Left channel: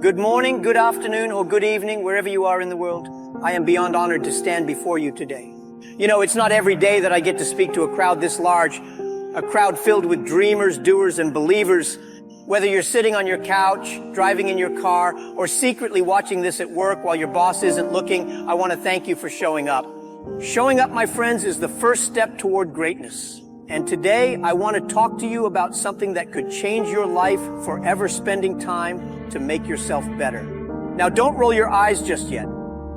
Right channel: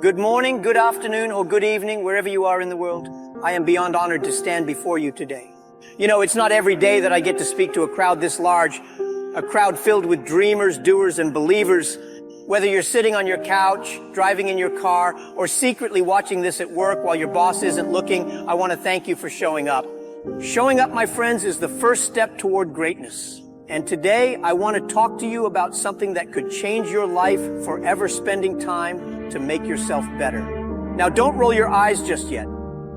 Good morning, good afternoon, or good evening, wherever you are in the world. I am beyond honored to stand before you today. You know, it's not every day that I get to speak to a crowd this large, a crowd filled with dreamers, doers, and believers. Whether you're sitting on your couch, driving in your car, or secretly watching this at work while your boss isn't looking, I want to thank you for showing up. Showing up, my friends, is the first step toward greatness. And today, I want to talk to you about something that could change your life forever, spending time to make yourself better. Now, don't roll your eyes just yet.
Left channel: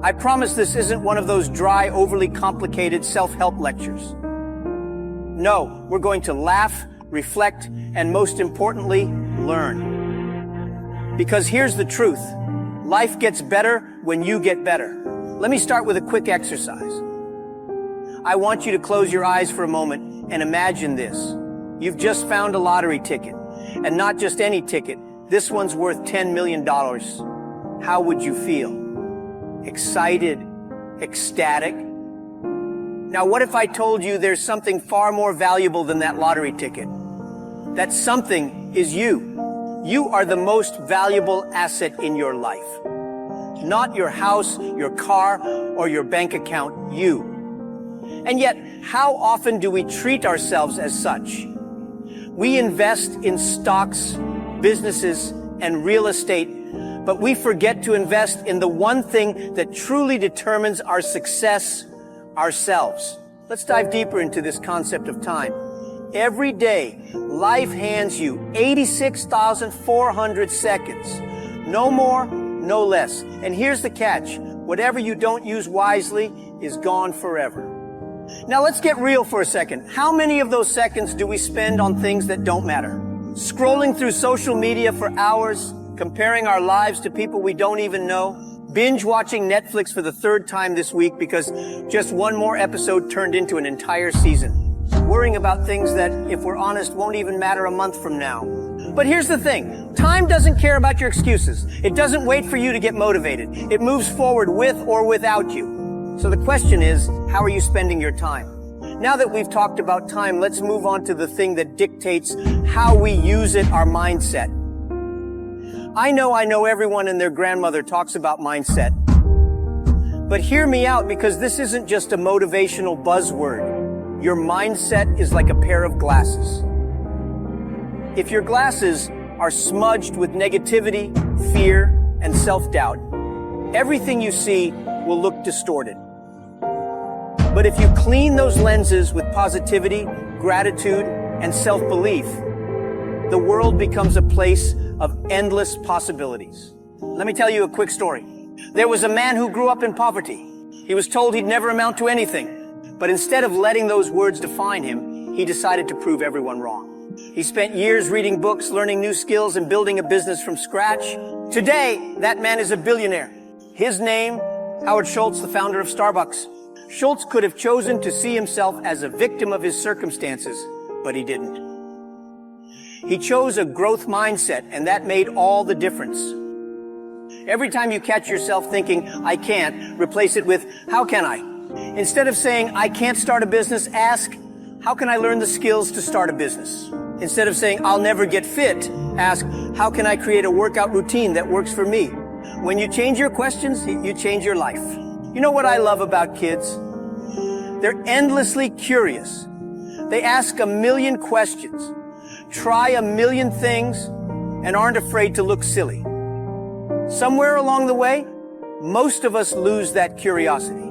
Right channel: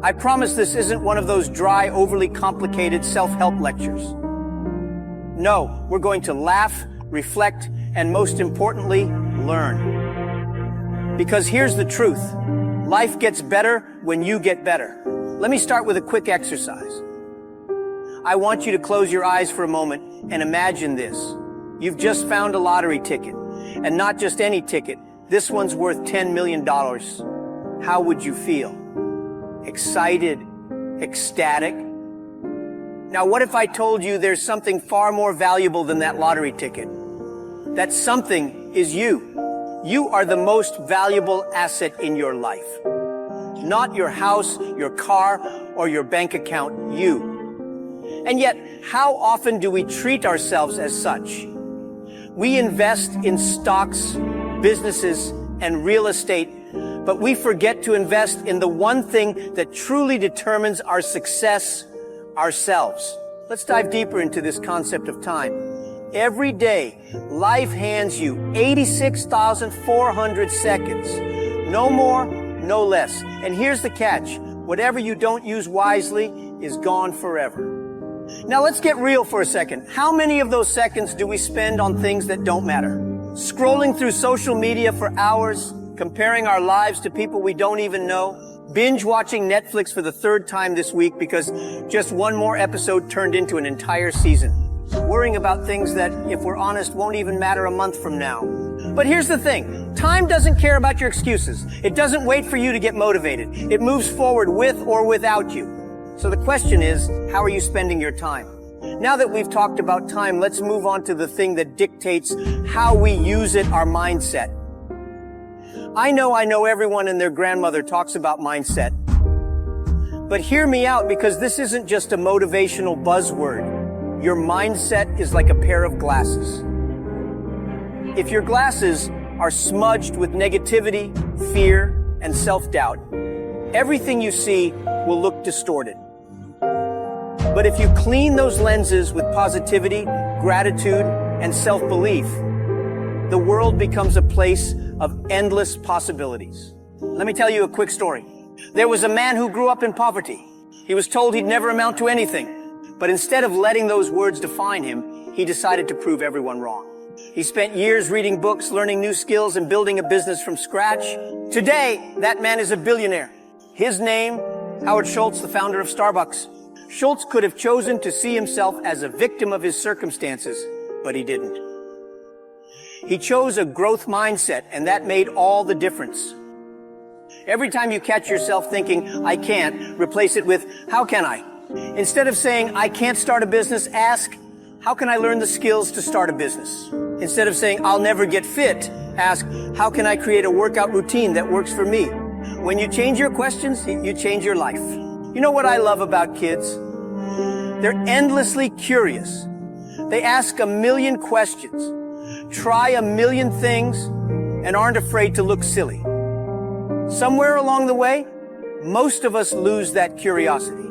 I promise this isn't one of those dry, overly complicated self-help lectures. No, we're going to laugh, reflect, and most importantly, learn. Because here's the truth. Life gets better when you get better. Let me start with a quick exercise. I want you to close your eyes for a moment and imagine this. You've just found a lottery ticket, and not just any ticket. This one's worth $10 million. How would you feel? Excited? Ecstatic? Now, what if I told you there's something far more valuable than that lottery ticket? That something is you. You are the most valuable asset in your life. Not your house, your car, or your bank account, you. And yet, how often do we treat ourselves as such? We invest in stocks, businesses, and real estate, but we forget to invest in the one thing that truly determines our success, ourselves. Let's dive deeper into this concept of time. Every day, life hands you 86,400 seconds. No more, no less. And here's the catch. Whatever you don't use wisely is gone forever. Now let's get real for a second. How many of those seconds do we spend on things that don't matter? Scrolling through social media for hours, comparing our lives to people we don't even know, binge watching Netflix for the third time this week because just one more episode turned into an entire season, worrying about things that, if we're honest, won't even matter a month from now. But here's the thing. Time doesn't care about your excuses. It doesn't wait for you to get motivated. It moves forward with or without you. So the question is, how are you spending your time? Now that we've talked about time, let's move on to the thing that dictates how we use it, our mindset. I know everyone and their grandmother talks about mindset. But hear me out, because this isn't just a motivational buzzword. Your mindset is like a pair of glasses. If your glasses are smudged with negativity, fear, and self-doubt, everything you see will look distorted. But if you clean those lenses with positivity, gratitude, and self-belief, the world becomes a place of endless possibilities. Let me tell you a quick story. There was a man who grew up in poverty. He was told he'd never amount to anything. But instead of letting those words define him, he decided to prove everyone wrong. He spent years reading books, learning new skills, and building a business from scratch. Today, that man is a billionaire. His name, Howard Schultz, the founder of Starbucks. Schultz could have chosen to see himself as a victim of his circumstances, but he didn't. He chose a growth mindset, and that made all the difference. Every time you catch yourself thinking, I can't, replace it with, how can I? Instead of saying, I can't start a business, ask, how can I learn the skills to start a business? Instead of saying, I'll never get fit, ask, how can I create a workout routine that works for me? When you change your questions, you change your life. You know what I love about kids? They're endlessly curious. They ask a million questions, try a million things, and aren't afraid to look silly. Somewhere along the way, most of us lose that curiosity.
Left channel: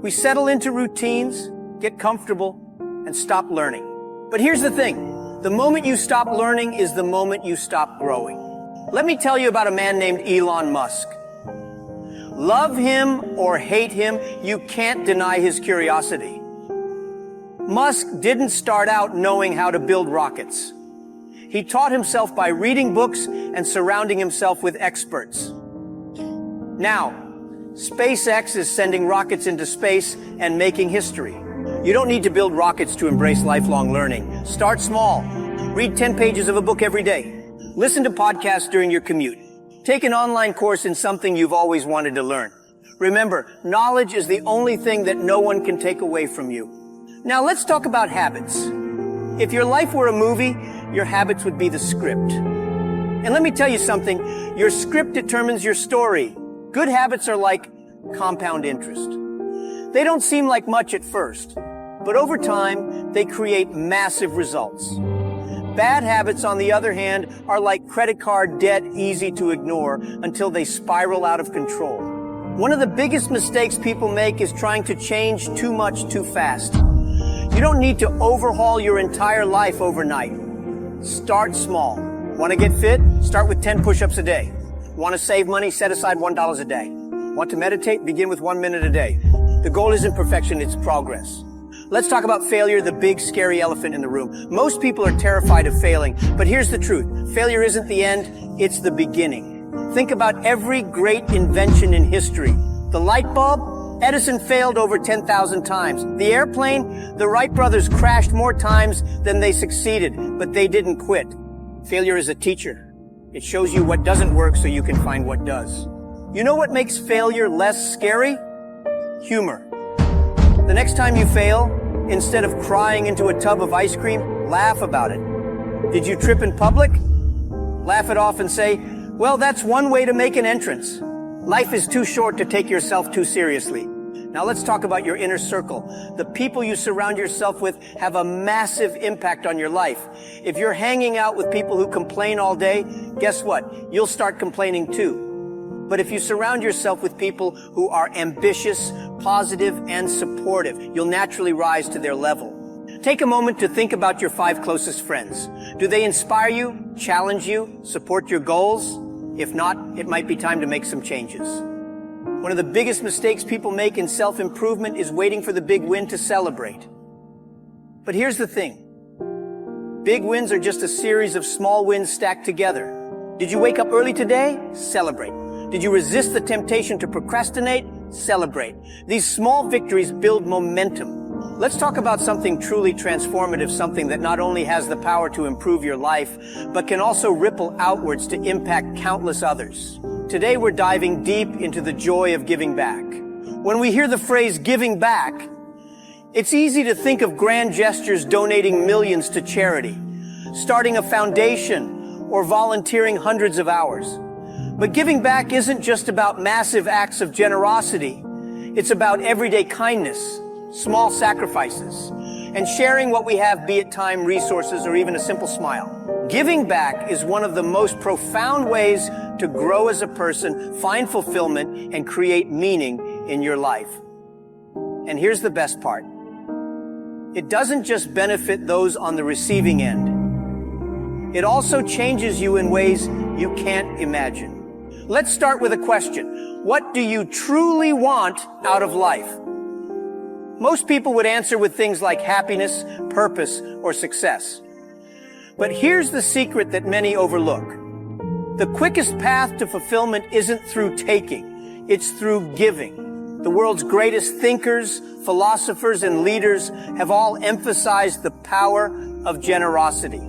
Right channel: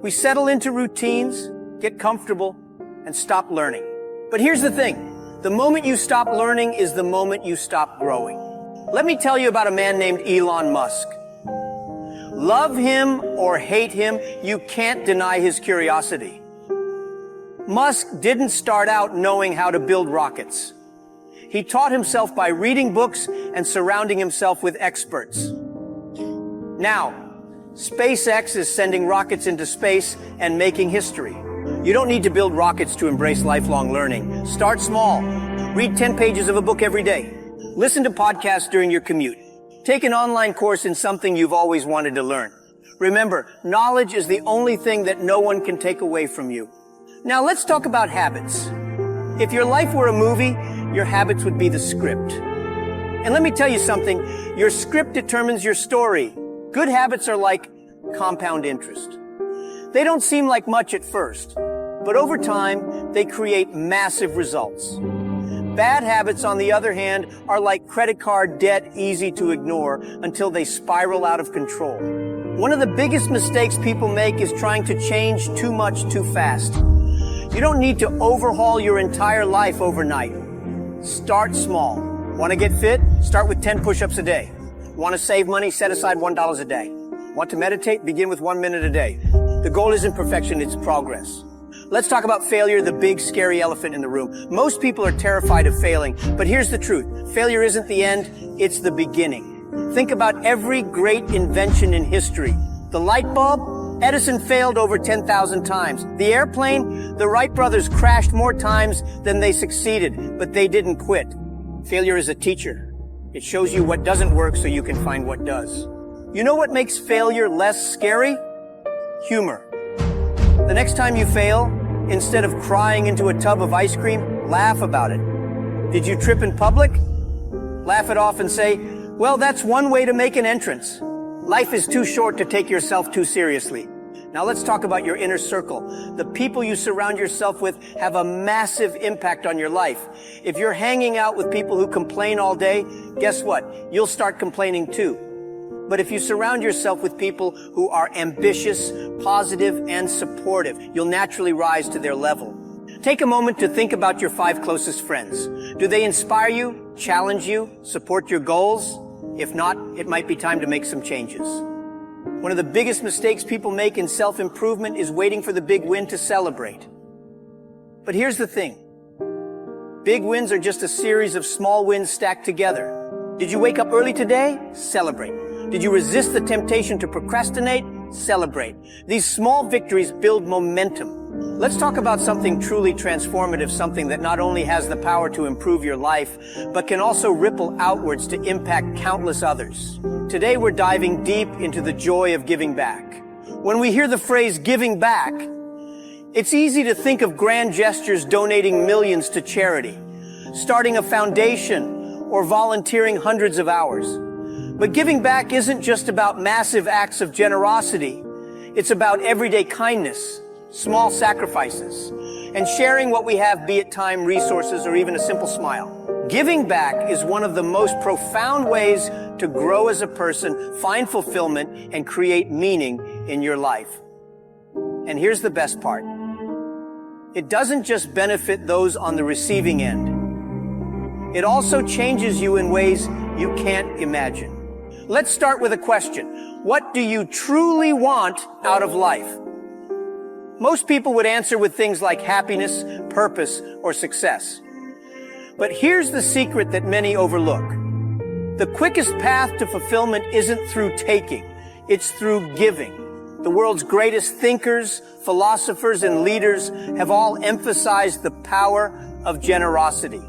We settle into routines, get comfortable, and stop learning. But here's the thing. The moment you stop learning is the moment you stop growing. Let me tell you about a man named Elon Musk. Love him or hate him, you can't deny his curiosity. Musk didn't start out knowing how to build rockets. He taught himself by reading books and surrounding himself with experts. Now, SpaceX is sending rockets into space and making history. You don't need to build rockets to embrace lifelong learning. Start small. Read 10 pages of a book every day. Listen to podcasts during your commute. Take an online course in something you've always wanted to learn. Remember, knowledge is the only thing that no one can take away from you. Now let's talk about habits. If your life were a movie, your habits would be the script. And let me tell you something, your script determines your story. Good habits are like compound interest. They don't seem like much at first, but over time, they create massive results. Bad habits, on the other hand, are like credit card debt, easy to ignore until they spiral out of control. One of the biggest mistakes people make is trying to change too much too fast. You don't need to overhaul your entire life overnight. Start small. Want to get fit? Start with 10 push-ups a day. Want to save money? Set aside $1 a day. Want to meditate? Begin with 1 minute a day. The goal isn't perfection, it's progress. Let's talk about failure, the big scary elephant in the room. Most people are terrified of failing, but here's the truth. Failure isn't the end, it's the beginning. Think about every great invention in history. The light bulb, Edison failed over 10,000 times. The airplane, the Wright brothers crashed more times than they succeeded, but they didn't quit. Failure is a teacher. It shows you what doesn't work so you can find what does. You know what makes failure less scary? Humor. The next time you fail, instead of crying into a tub of ice cream, laugh about it. Did you trip in public? Laugh it off and say, well, that's one way to make an entrance. Life is too short to take yourself too seriously. Now let's talk about your inner circle. The people you surround yourself with have a massive impact on your life. If you're hanging out with people who complain all day, guess what? You'll start complaining too. But if you surround yourself with people who are ambitious, positive, and supportive, you'll naturally rise to their level. Take a moment to think about your 5 closest friends. Do they inspire you, challenge you, support your goals? If not, it might be time to make some changes. One of the biggest mistakes people make in self-improvement is waiting for the big win to celebrate. But here's the thing. Big wins are just a series of small wins stacked together. Did you wake up early today? Celebrate. Did you resist the temptation to procrastinate? Celebrate. These small victories build momentum. Let's talk about something truly transformative, something that not only has the power to improve your life, but can also ripple outwards to impact countless others. Today we're diving deep into the joy of giving back. When we hear the phrase giving back, it's easy to think of grand gestures, donating millions to charity, starting a foundation, or volunteering hundreds of hours. But giving back isn't just about massive acts of generosity. It's about everyday kindness, small sacrifices, and sharing what we have, be it time, resources, or even a simple smile. Giving back is one of the most profound ways to grow as a person, find fulfillment, and create meaning in your life. And here's the best part. It doesn't just benefit those on the receiving end. It also changes you in ways you can't imagine. Let's start with a question. What do you truly want out of life? Most people would answer with things like happiness, purpose, or success. But here's the secret that many overlook. The quickest path to fulfillment isn't through taking, it's through giving. The world's greatest thinkers, philosophers, and leaders have all emphasized the power of generosity.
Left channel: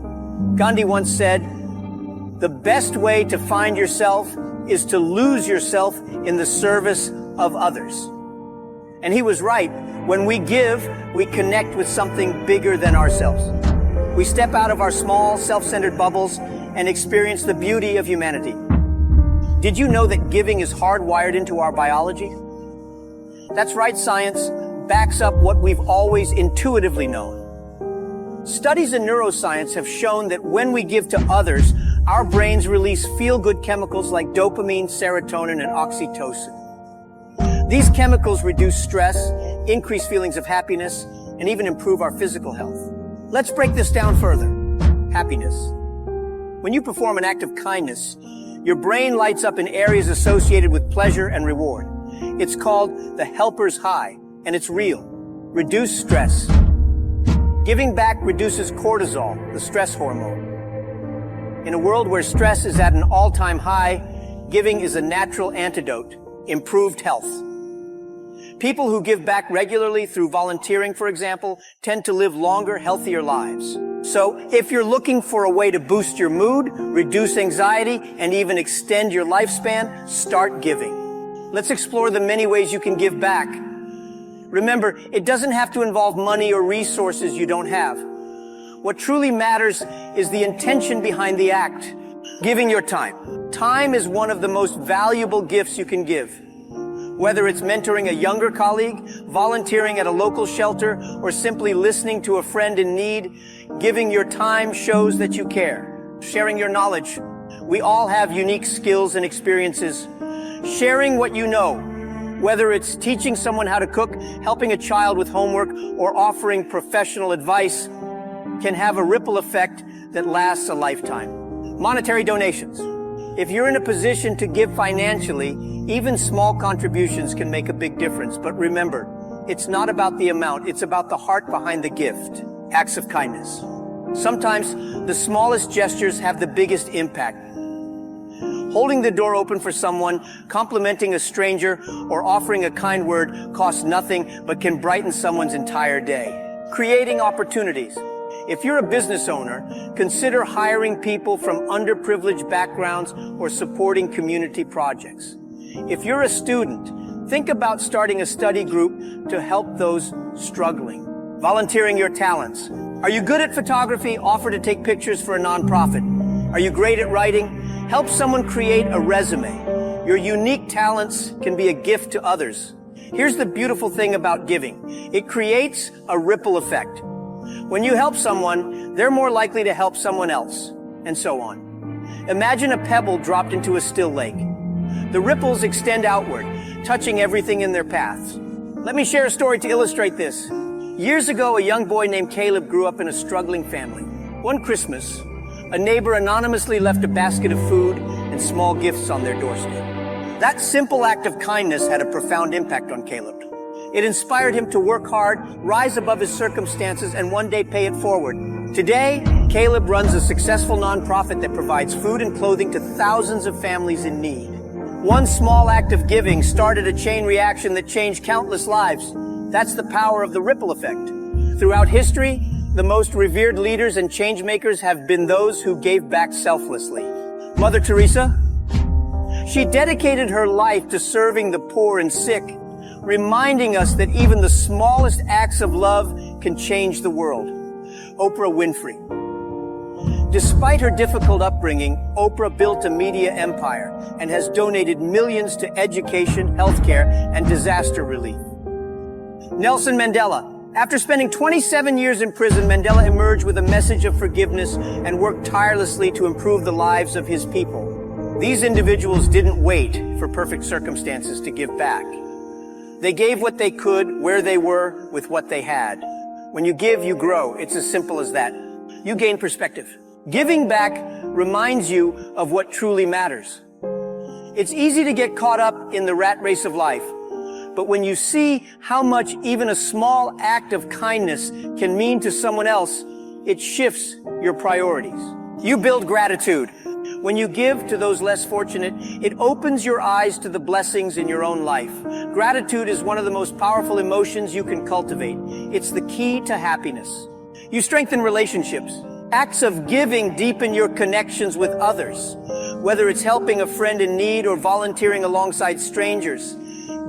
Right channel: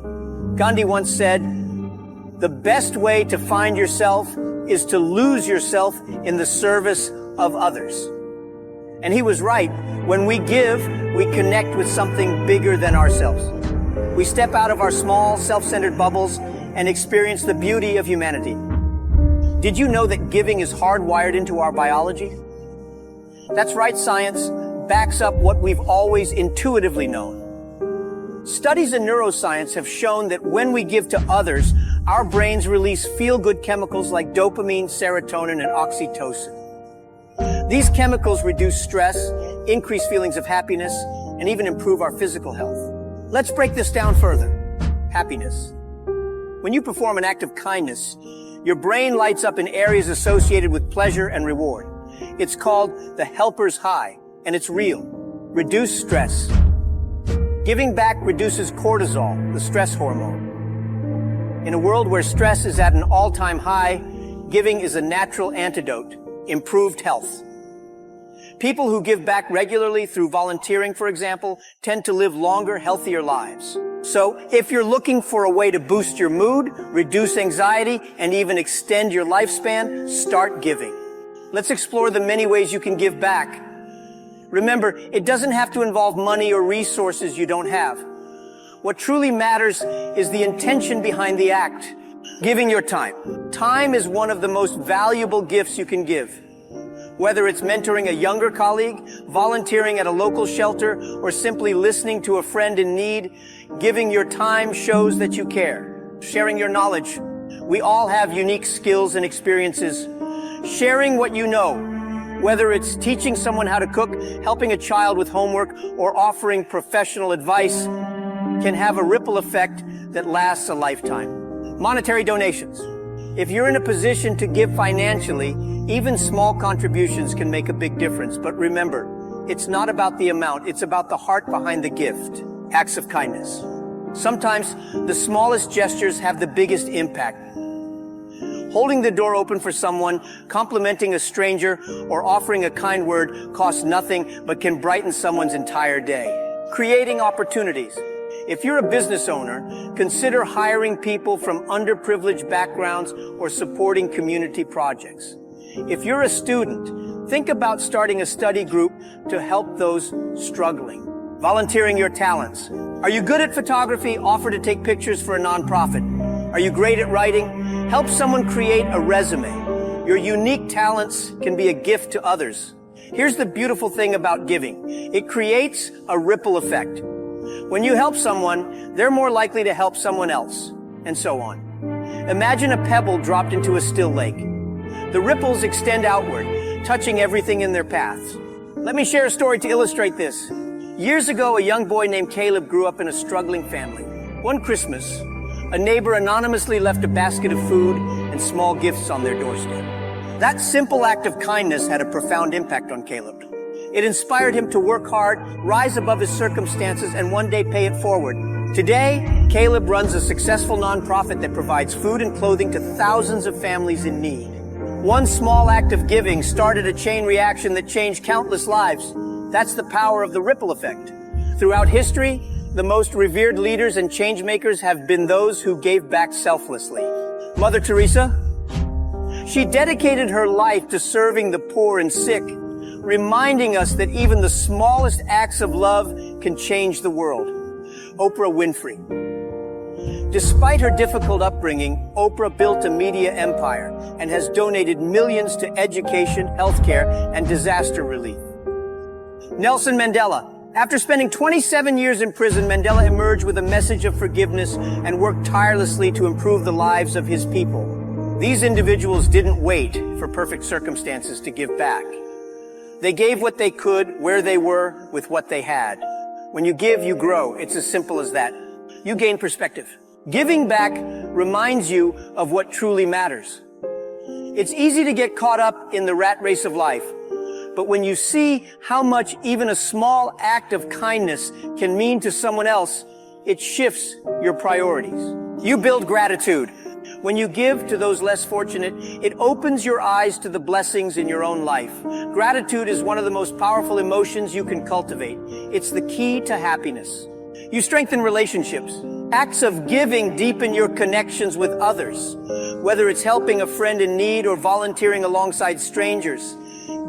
Gandhi once said, "The best way to find yourself is to lose yourself in the service of others." And he was right. When we give, we connect with something bigger than ourselves. We step out of our small, self-centered bubbles and experience the beauty of humanity. Did you know that giving is hardwired into our biology? That's right, science backs up what we've always intuitively known. Studies in neuroscience have shown that when we give to others, our brains release feel-good chemicals like dopamine, serotonin, and oxytocin. These chemicals reduce stress, increase feelings of happiness, and even improve our physical health. Let's break this down further. Happiness. When you perform an act of kindness, your brain lights up in areas associated with pleasure and reward. It's called the helper's high, and it's real. Reduce stress. Giving back reduces cortisol, the stress hormone. In a world where stress is at an all-time high, giving is a natural antidote, improved health. People who give back regularly through volunteering, for example, tend to live longer, healthier lives. So, if you're looking for a way to boost your mood, reduce anxiety, and even extend your lifespan, start giving. Let's explore the many ways you can give back. Remember, it doesn't have to involve money or resources you don't have. What truly matters is the intention behind the act. Giving your time. Time is one of the most valuable gifts you can give. Whether it's mentoring a younger colleague, volunteering at a local shelter, or simply listening to a friend in need, giving your time shows that you care. Sharing your knowledge. We all have unique skills and experiences. Sharing what you know, whether it's teaching someone how to cook, helping a child with homework, or offering professional advice, can have a ripple effect that lasts a lifetime. Monetary donations. If you're in a position to give financially, even small contributions can make a big difference. But remember, it's not about the amount, it's about the heart behind the gift. Acts of kindness. Sometimes the smallest gestures have the biggest impact. Holding the door open for someone, complimenting a stranger, or offering a kind word costs nothing but can brighten someone's entire day. Creating opportunities. If you're a business owner, consider hiring people from underprivileged backgrounds or supporting community projects. If you're a student, think about starting a study group to help those struggling. Volunteering your talents. Are you good at photography? Offer to take pictures for a nonprofit. Are you great at writing? Help someone create a resume. Your unique talents can be a gift to others. Here's the beautiful thing about giving. It creates a ripple effect. When you help someone, they're more likely to help someone else, and so on. Imagine a pebble dropped into a still lake. The ripples extend outward, touching everything in their paths. Let me share a story to illustrate this. Years ago, a young boy named Caleb grew up in a struggling family. One Christmas, a neighbor anonymously left a basket of food and small gifts on their doorstep. That simple act of kindness had a profound impact on Caleb. It inspired him to work hard, rise above his circumstances, and one day pay it forward. Today, Caleb runs a successful nonprofit that provides food and clothing to thousands of families in need. One small act of giving started a chain reaction that changed countless lives. That's the power of the ripple effect. Throughout history, the most revered leaders and change makers have been those who gave back selflessly. Mother Teresa, she dedicated her life to serving the poor and sick, reminding us that even the smallest acts of love can change the world. Oprah Winfrey. Despite her difficult upbringing, Oprah built a media empire and has donated millions to education, healthcare, and disaster relief. Nelson Mandela. After spending 27 years in prison, Mandela emerged with a message of forgiveness and worked tirelessly to improve the lives of his people. These individuals didn't wait for perfect circumstances to give back. They gave what they could, where they were, with what they had. When you give, you grow. It's as simple as that. You gain perspective. Giving back reminds you of what truly matters. It's easy to get caught up in the rat race of life. But when you see how much even a small act of kindness can mean to someone else, it shifts your priorities. You build gratitude. When you give to those less fortunate, it opens your eyes to the blessings in your own life. Gratitude is one of the most powerful emotions you can cultivate. It's the key to happiness. You strengthen relationships. Acts of giving deepen your connections with others, whether it's helping a friend in need or volunteering alongside strangers.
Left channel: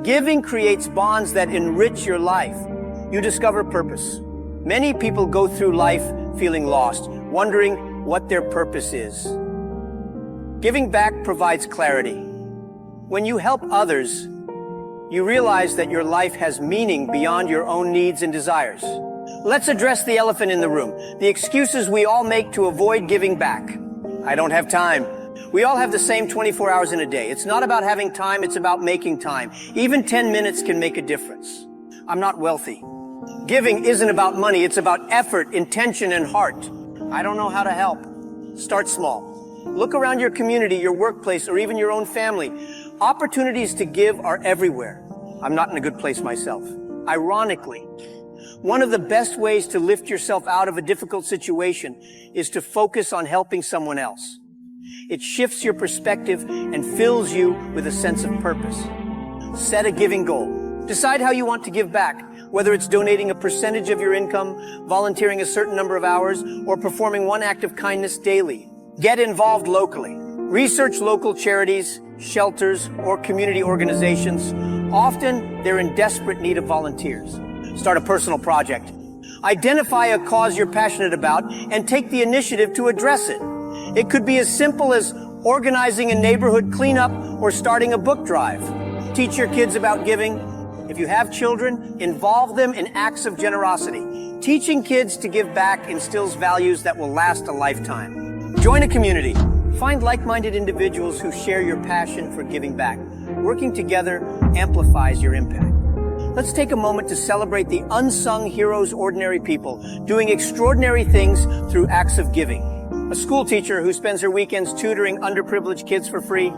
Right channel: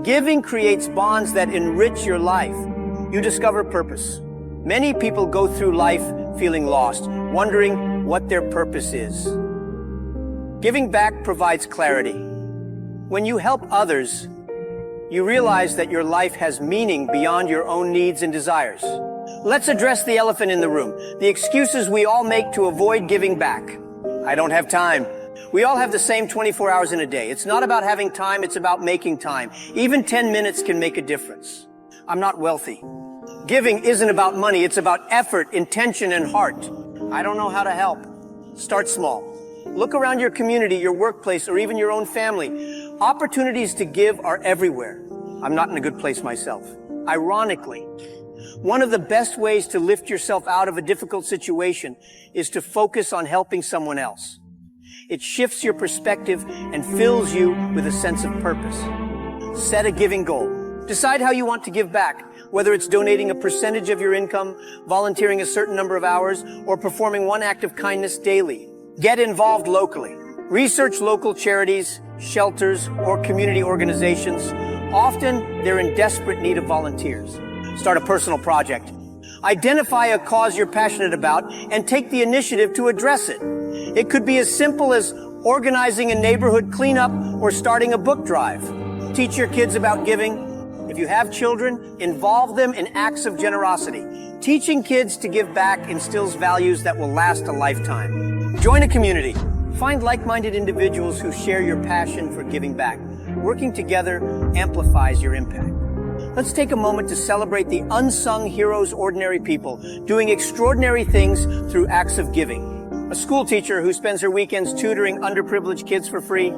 Giving creates bonds that enrich your life. You discover purpose. Many people go through life feeling lost, wondering what their purpose is. Giving back provides clarity. When you help others, you realize that your life has meaning beyond your own needs and desires. Let's address the elephant in the room, the excuses we all make to avoid giving back. I don't have time. We all have the same 24 hours in a day. It's not about having time, it's about making time. Even 10 minutes can make a difference. I'm not wealthy. Giving isn't about money, it's about effort, intention, and heart. I don't know how to help. Start small. Look around your community, your workplace, or even your own family. Opportunities to give are everywhere. I'm not in a good place myself. Ironically, one of the best ways to lift yourself out of a difficult situation is to focus on helping someone else. It shifts your perspective and fills you with a sense of purpose. Set a giving goal. Decide how you want to give back, whether it's donating a percentage of your income, volunteering a certain number of hours, or performing one act of kindness daily. Get involved locally. Research local charities, shelters, or community organizations. Often, they're in desperate need of volunteers. Start a personal project. Identify a cause you're passionate about and take the initiative to address it. It could be as simple as organizing a neighborhood cleanup or starting a book drive. Teach your kids about giving. If you have children, involve them in acts of generosity. Teaching kids to give back instills values that will last a lifetime. Join a community. Find like-minded individuals who share your passion for giving back. Working together amplifies your impact. Let's take a moment to celebrate the unsung heroes, ordinary people, doing extraordinary things through acts of giving. A school teacher who spends her weekends tutoring underprivileged kids for free.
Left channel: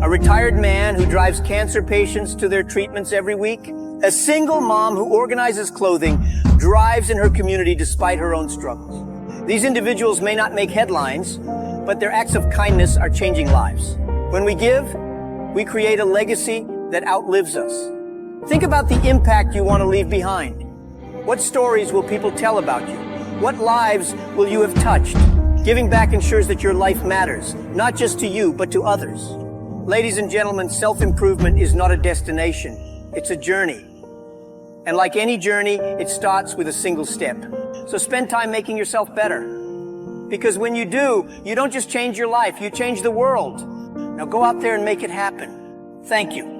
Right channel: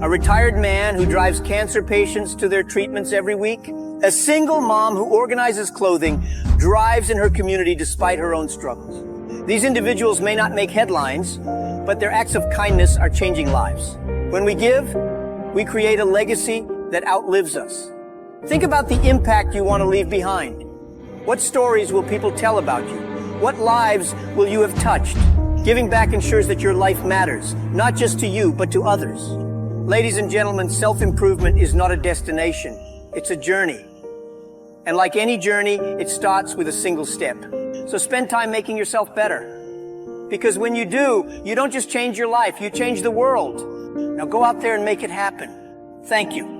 A retired man who drives cancer patients to their treatments every week. A single mom who organizes clothing, drives in her community despite her own struggles. These individuals may not make headlines, but their acts of kindness are changing lives. When we give, we create a legacy that outlives us. Think about the impact you want to leave behind. What stories will people tell about you? What lives will you have touched? Giving back ensures that your life matters, not just to you, but to others. Ladies and gentlemen, self-improvement is not a destination. It's a journey. And like any journey, it starts with a single step. So spend time making yourself better. Because when you do, you don't just change your life, you change the world. Now go out there and make it happen. Thank you.